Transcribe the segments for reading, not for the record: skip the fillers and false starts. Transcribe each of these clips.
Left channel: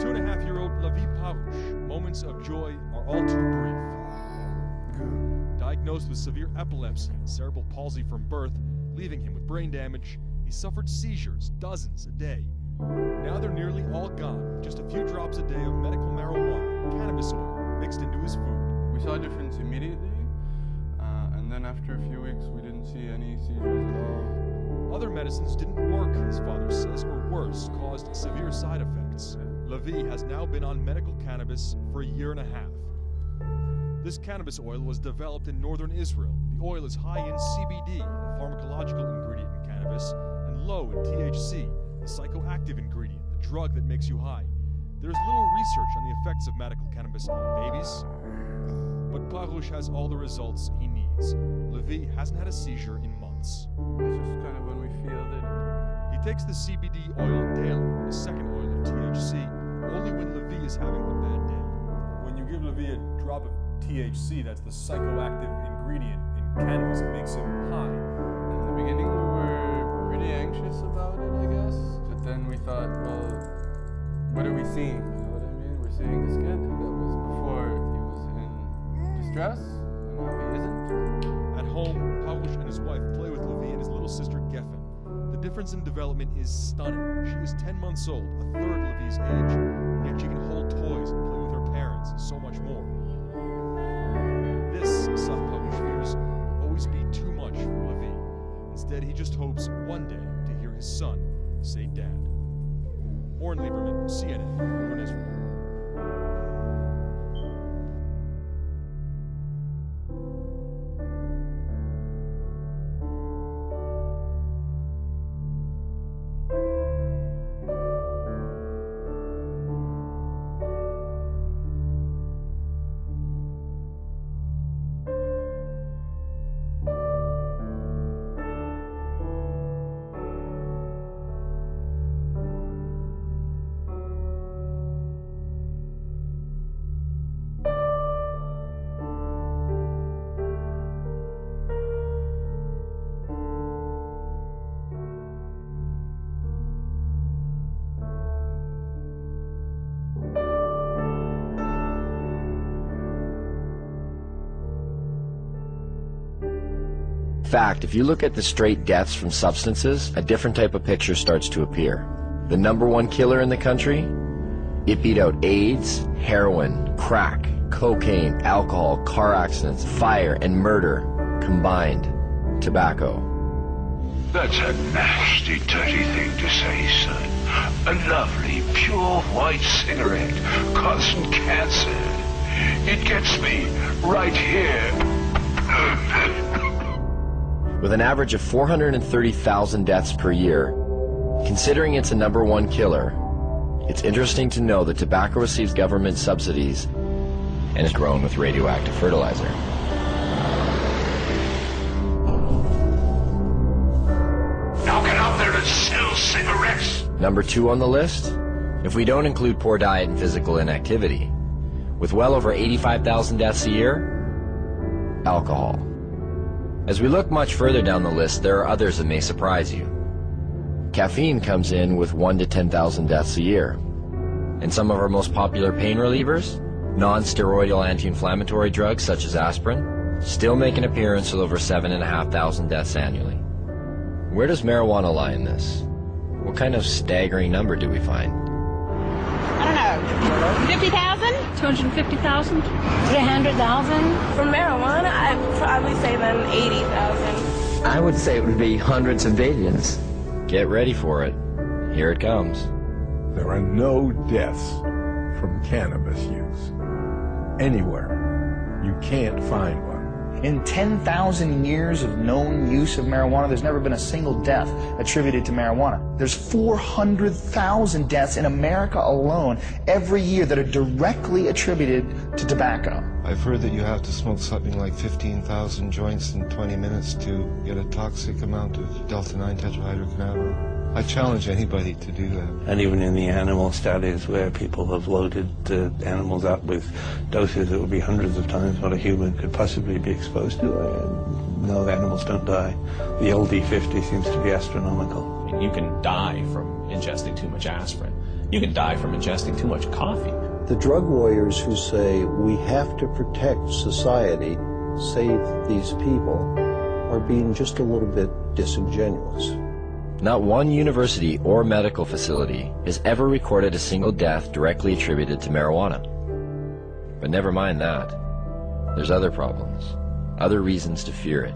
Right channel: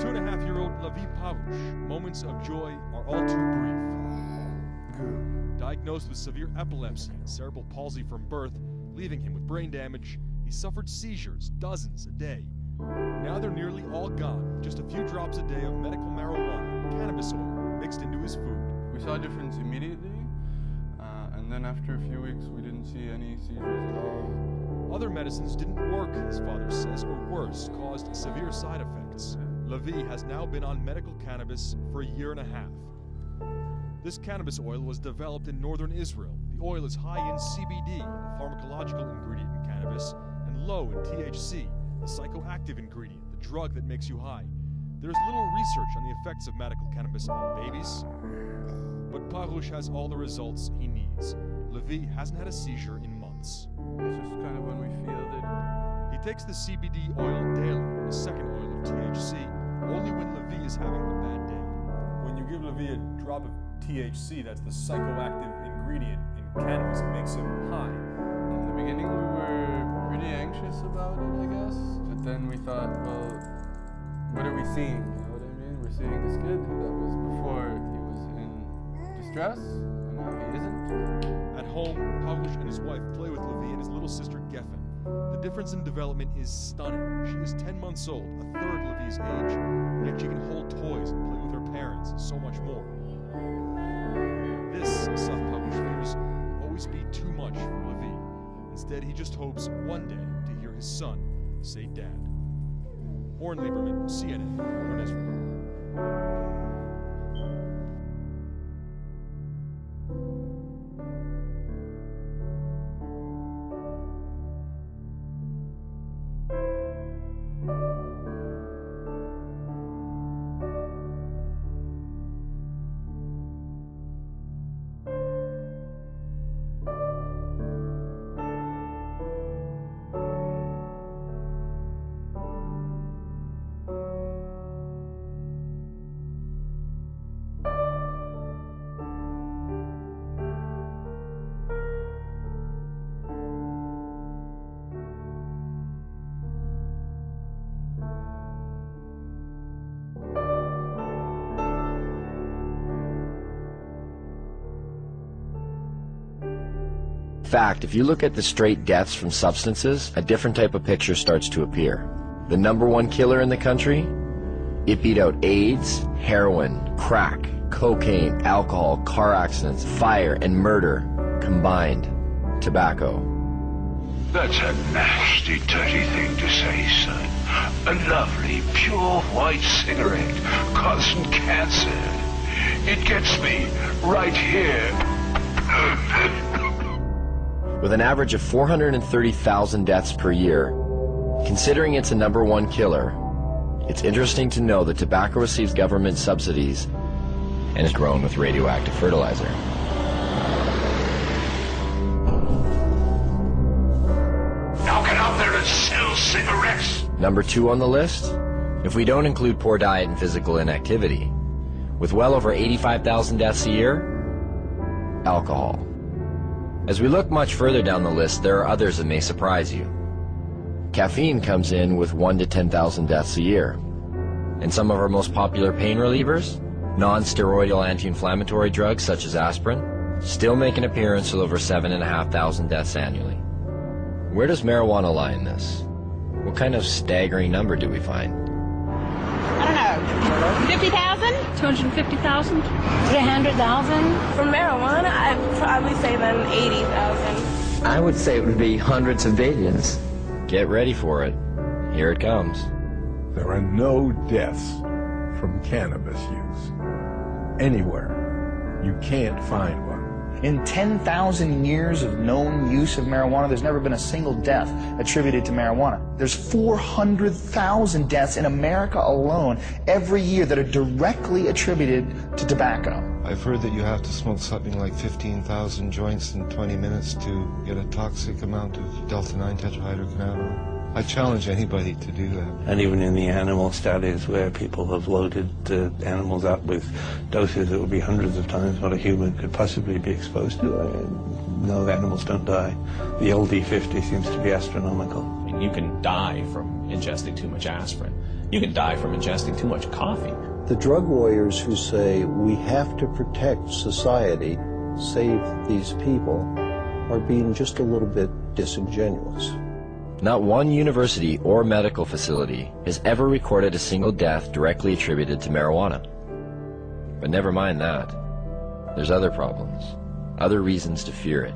2.5-year-old Levi Parouche, moments of joy are all too brief. Diagnosed with severe epilepsy and cerebral palsy from birth, leaving him with brain damage, he suffered seizures, dozens a day. Now they're nearly all gone, just a few drops a day of medical marijuana, cannabis oil, mixed into his food. We saw a difference immediately, and then after a few weeks we didn't see any seizures at all. Other medicines didn't work, his father says, or worse, caused severe side effects. Levi has now been on medical cannabis for a year and a half. This cannabis oil was developed in northern Israel. The oil is high in CBD, a pharmacological ingredient in cannabis, and low in THC, the psychoactive ingredient, the drug that makes you high. There's little research on the effects of medical cannabis on babies, but Parouche has all the results he needs. Levi hasn't had a seizure in months. It's just kind of when we feel that. He takes the CBD oil daily, and a second oil of THC, only when Levi is having a bad day. When you give Levi a drop of THC, that's the psychoactive ingredient in cannabis, it makes him high. In the beginning we were pretty anxious about it, I guess. But then we thought, well, what are we seeing? You know what I mean? We're seeing this kid that was before he was in distress, and now he isn't. At home, Parouche and his wife play with Levi and his little sister Geffen. The difference in development is stunning. She is 10 months old, a third Levi's age, and yet she can hold toys and play with her parents and so much more. This, Seth Parouche fears, will always be too much for Levi. Instead, he just hopes one day to hear his son say Dad. Oren Lieberman, CNN, Northern Israel. In fact, if you look at the straight deaths from substances, a different type of picture starts to appear. The #1 killer in the country? It beat out AIDS, heroin, crack, cocaine, alcohol, car accidents, fire, and murder combined. Tobacco. That's a nasty, dirty thing to say, son. A lovely, pure white cigarette causing cancer. It gets me right here. With an average of 430,000 deaths per year, considering it's a #1 killer, it's interesting to know that tobacco receives government subsidies and is grown with radioactive fertilizer. Now get out there and sell cigarettes! #2 on the list, if we don't include poor diet and physical inactivity, with well over 85,000 deaths a year, alcohol. As we look much further down the list, there are others that may surprise you. Caffeine comes in with 1 to 10,000 deaths a year. And some of our most popular pain relievers, non-steroidal anti-inflammatory drugs such as aspirin, still make an appearance with over 7,500 deaths annually. Where does marijuana lie in this? What kind of staggering number do we find? I don't know, 50,000? 250,000? 300,000? For marijuana, I'd probably say then 80,000. I would say it would be hundreds of billions. Get ready for it. Here it comes. There are no deaths from cannabis use. Anywhere. You can't find one. In 10,000 years of known use of marijuana, there's never been a single death attributed to marijuana. There's 400,000 deaths in America alone every year that are directly attributed to tobacco. I've heard that you have to smoke something like 15,000 joints in 20 minutes to get a toxic amount of delta-9 tetrahydrocannabinol. I challenge anybody to do that. And even in the animal studies where people have loaded the animals up with doses that would be hundreds of times what a human could possibly be exposed to, no, the animals don't die. The LD50 seems to be astronomical. You can die from ingesting too much aspirin. You can die from ingesting too much coffee. The drug warriors who say we have to protect society, save these people, are being just a little bit disingenuous. Not one university or medical facility has ever recorded a single death directly attributed to marijuana. But never mind that. There's other problems, other reasons to fear it.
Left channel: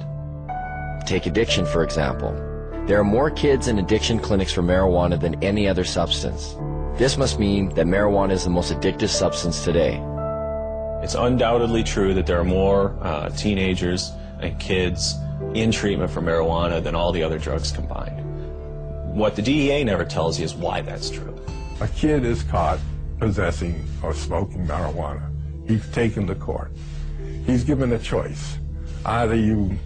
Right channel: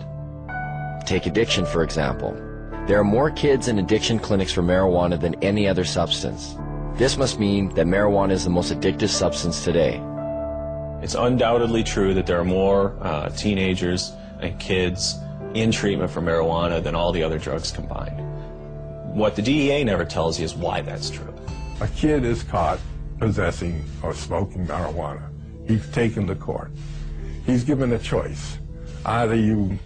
Take addiction, for example. There are more kids in addiction clinics for marijuana than any other substance. This must mean that marijuana is the most addictive substance today. It's undoubtedly true that there are more teenagers and kids in treatment for marijuana than all the other drugs combined. What the DEA never tells you is why that's true. A kid is caught possessing or smoking marijuana. He's taken to court. He's given a choice. Either you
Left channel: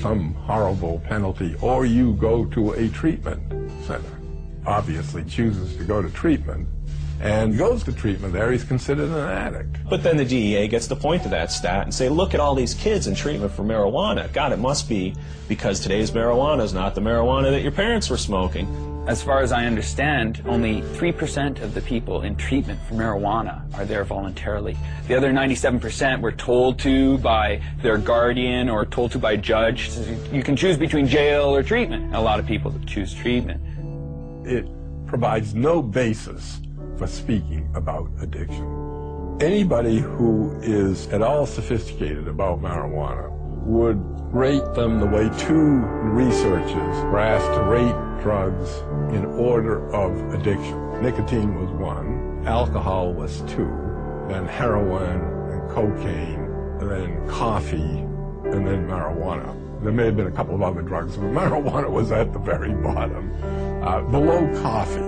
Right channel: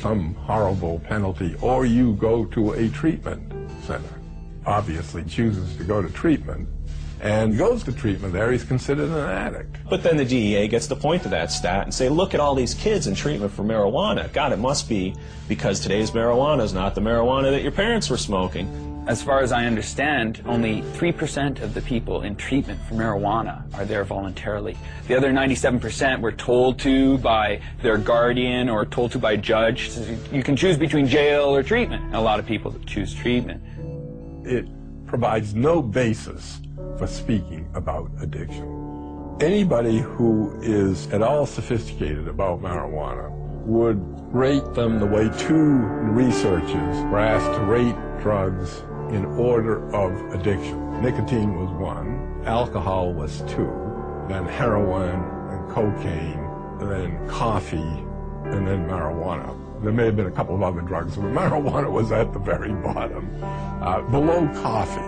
some horrible penalty, or you go to a treatment center. Obviously chooses to go to treatment, and goes to treatment there, he's considered an addict. But then the DEA gets to point to that stat and say, look at all these kids in treatment for marijuana. God, it must be because today's marijuana is not the marijuana that your parents were smoking. As far as I understand, only 3% of the people in treatment for marijuana are there voluntarily. The other 97% were told to by their guardian or told to by a judge. So you can choose between jail or treatment. And a lot of people choose treatment. It provides no basis for speaking about addiction. Anybody who is at all sophisticated about marijuana would rate them the way two researchers were asked to rate drugs in order of addiction. Nicotine was 1, alcohol was 2, then heroin and cocaine, and then coffee, and then marijuana. There may have been a couple of other drugs, but marijuana was at the very bottom, below coffee.